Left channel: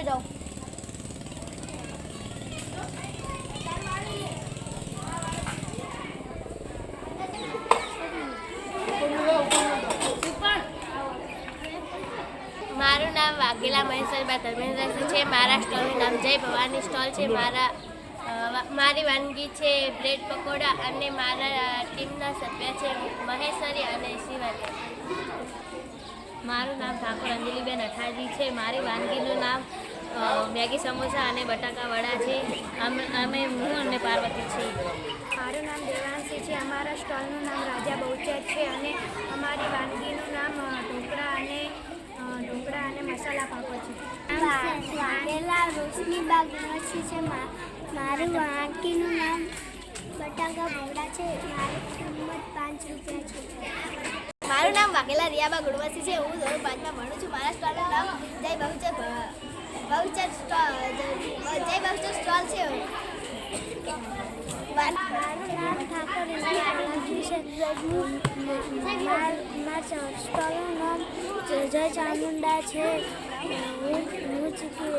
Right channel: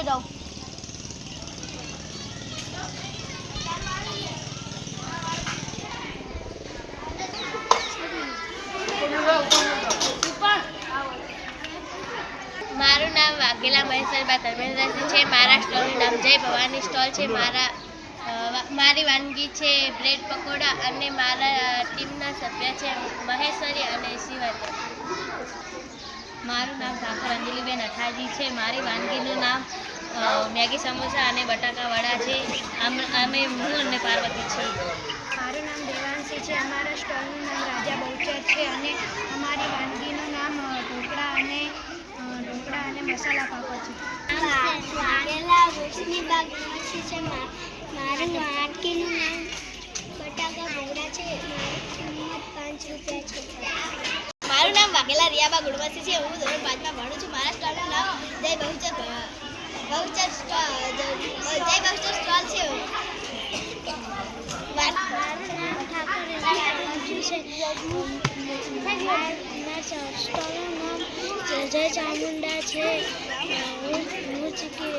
લઈ જાઓ. મારું નામ વાઘેલા મહેસલબા ધર્મેન્દ્રસિંહ છે. મારા સ્ટોલનું નામ જય ભવાની સ્ટોલ છે. મારી વાનગી છે બ્રેડ પકોડા અને મારા ટીમના સભ્ય છે મહેશ્વરી અને શિવાજી. મારું નામ ઠાકોર અંજલિબેન અઠાજી છે. મારી વાનગીનું નામ મેગી સમોસા અને બટાકાવડા છે. અમે હું અને પાર્વતી છીએ. મારું નામ દેવાંશી છે. અમારા સ્ટોલનું નામ રાજા બહુચર છે અને અમારી વાનગીનું નામ ઢોકળા અને મસાલા પાપડ છે. વાઘેલા રોશનીબાગ મચ્છી છે. મારું વાનગીનું નામ બટાકા ભોગડા છે. મારી કિંમત 5 રૂપિયા છે. મારું નામ વાઘેલા રિયાબા ગુડવાસી છે. હું ધોરણ 5માં ભણું છું. મારા સ્ટોલનું નામ જય બહુચર સ્ટોલ છે. મારું નામ ઠાકોર છે. મારા સ્ટોલનું નામ જય ચામુંડા છે. હું ચીકી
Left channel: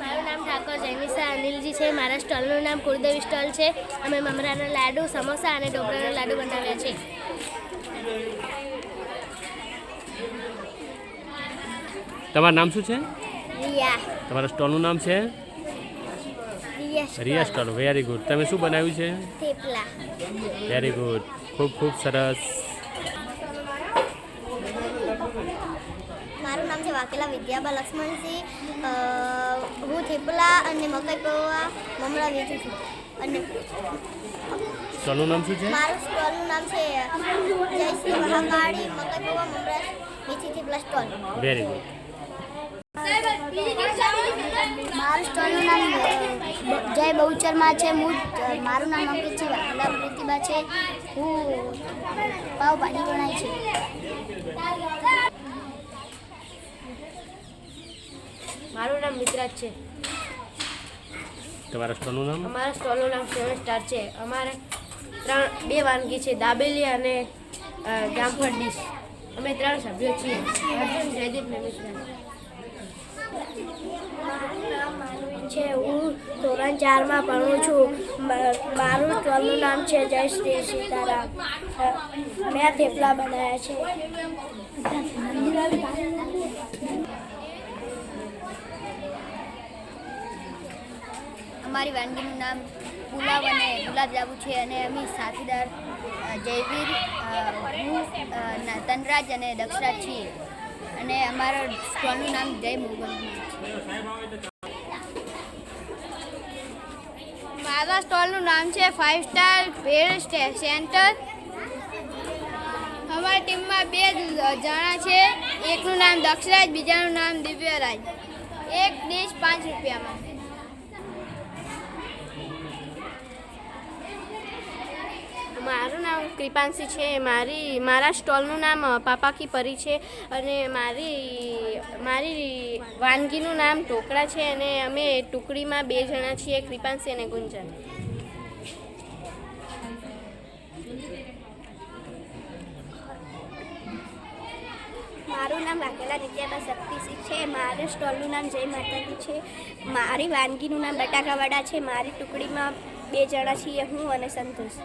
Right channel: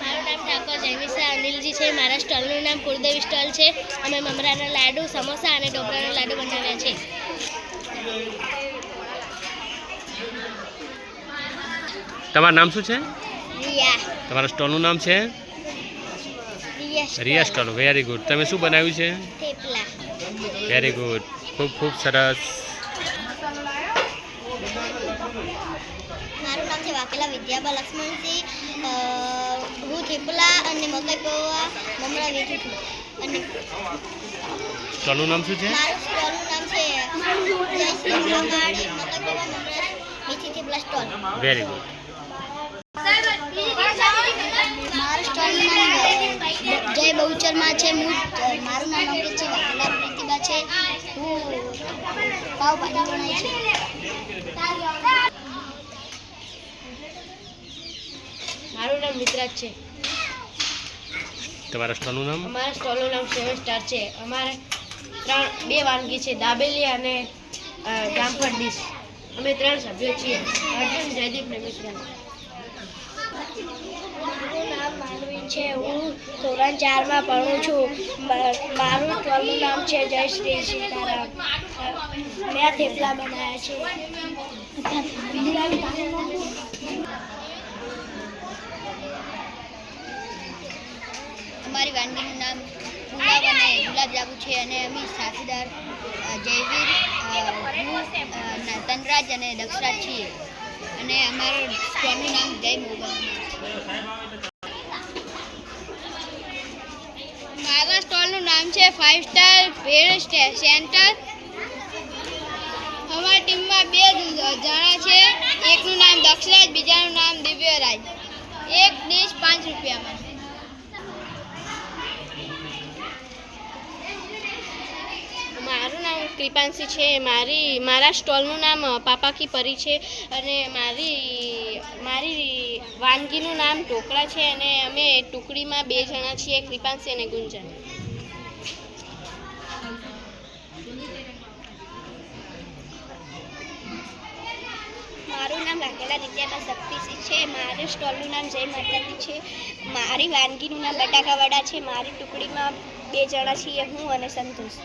મારું નામ ઠાકોર જયમિસા અનિલજી છે. મારા સ્ટોલનું નામ કુળદેવી સ્ટોલ છે. અમે મમરાના લાડુ, સમોસા અને ઢોકળાના લાડુ બનાવ્યા છે. તમારું નામ શું છે? રિયા. તમારા સ્ટોલનું નામ છે રિયા સ્ટોલ. Very good. તમે શું બનાવ્યું છે? થેપલા. Very good. ખૂબ ખૂબ સરસ. મારું નામ છે વાઘેલા વિદ્યાબા લક્ષ્મણસિંહ. હું થેપલા અને મકાઈ પૌવા મમરા વેચું છું. અને સ્ટોલનું નામ શું છે? મારું સ્ટોલનું નામ છે જય શ્રી મહાકાળી મકાઈ પૌવા મમરા મેથી થેપલા સ્ટોલ. Very good. મારું સ્ટોલનું નામ જય બહુચરમાં છે. મારું નામ અંકિત છે. વાઘેલા પ્રીતિબા છે. હું પાવભાજી બનાવી છે. મારું નામ મિત્રાજ છે. તમારા સ્ટોલનું નામ? અમારા સ્ટોલનું નામ 7 સ્ટાર છે. અમારે 2 વાનગી છે, દાબેલી અને જામફળ ડીશ. અમે 3 સભ્યો છીએ. અર્જુન, જયદીપ ને મિશ્રા. મારું નામ માનવી છે. હું ધોરણ 4માં ભણું છું. મારું સ્ટોલનું નામ છે જય શ્રી સીતારામ. મેં થેપલા બનાવ્યા છે. અમારી વાનગીનું નામ પુલાવ અને ગુલાબજાંબુ છે અને અમે સાથીદાર જયવીર, હું, તનરાજ અને દક્ષરાજ છીએ. અને અમારા સ્ટોલનું નામ જય મોગલ. મારા સ્ટોલનું નામ છે 5 સ્ટાર ભેળ સેન્ટર. અમારી ટીમમાં 2 જણા છે. એકનું નામ દક્ષરાજ, બીજાનું નામ દિવ્યરાજ. એક ડીશ 5 રૂપિયામાં. મારું નામ કૃપાંશી છે. મારા સ્ટોલનું નામ પાપા કી પરી છે અને મારી વાનગીનું નામ ઢોકળા છે અને અમે ટુકડીમાં 2 જણા છીએ, કૃપાંશી અને ગુંજન. મારું નામ વાઘેલા નિત્યાબા શક્તિસિંહ છે. મારા સ્ટોલનું નામ જય માતાજી છે. મારી વાનગીનું નામ બટાકાવડા છે. મારી ટુકડીમાં 2 જણા છીએ, હું અને સંતોષ.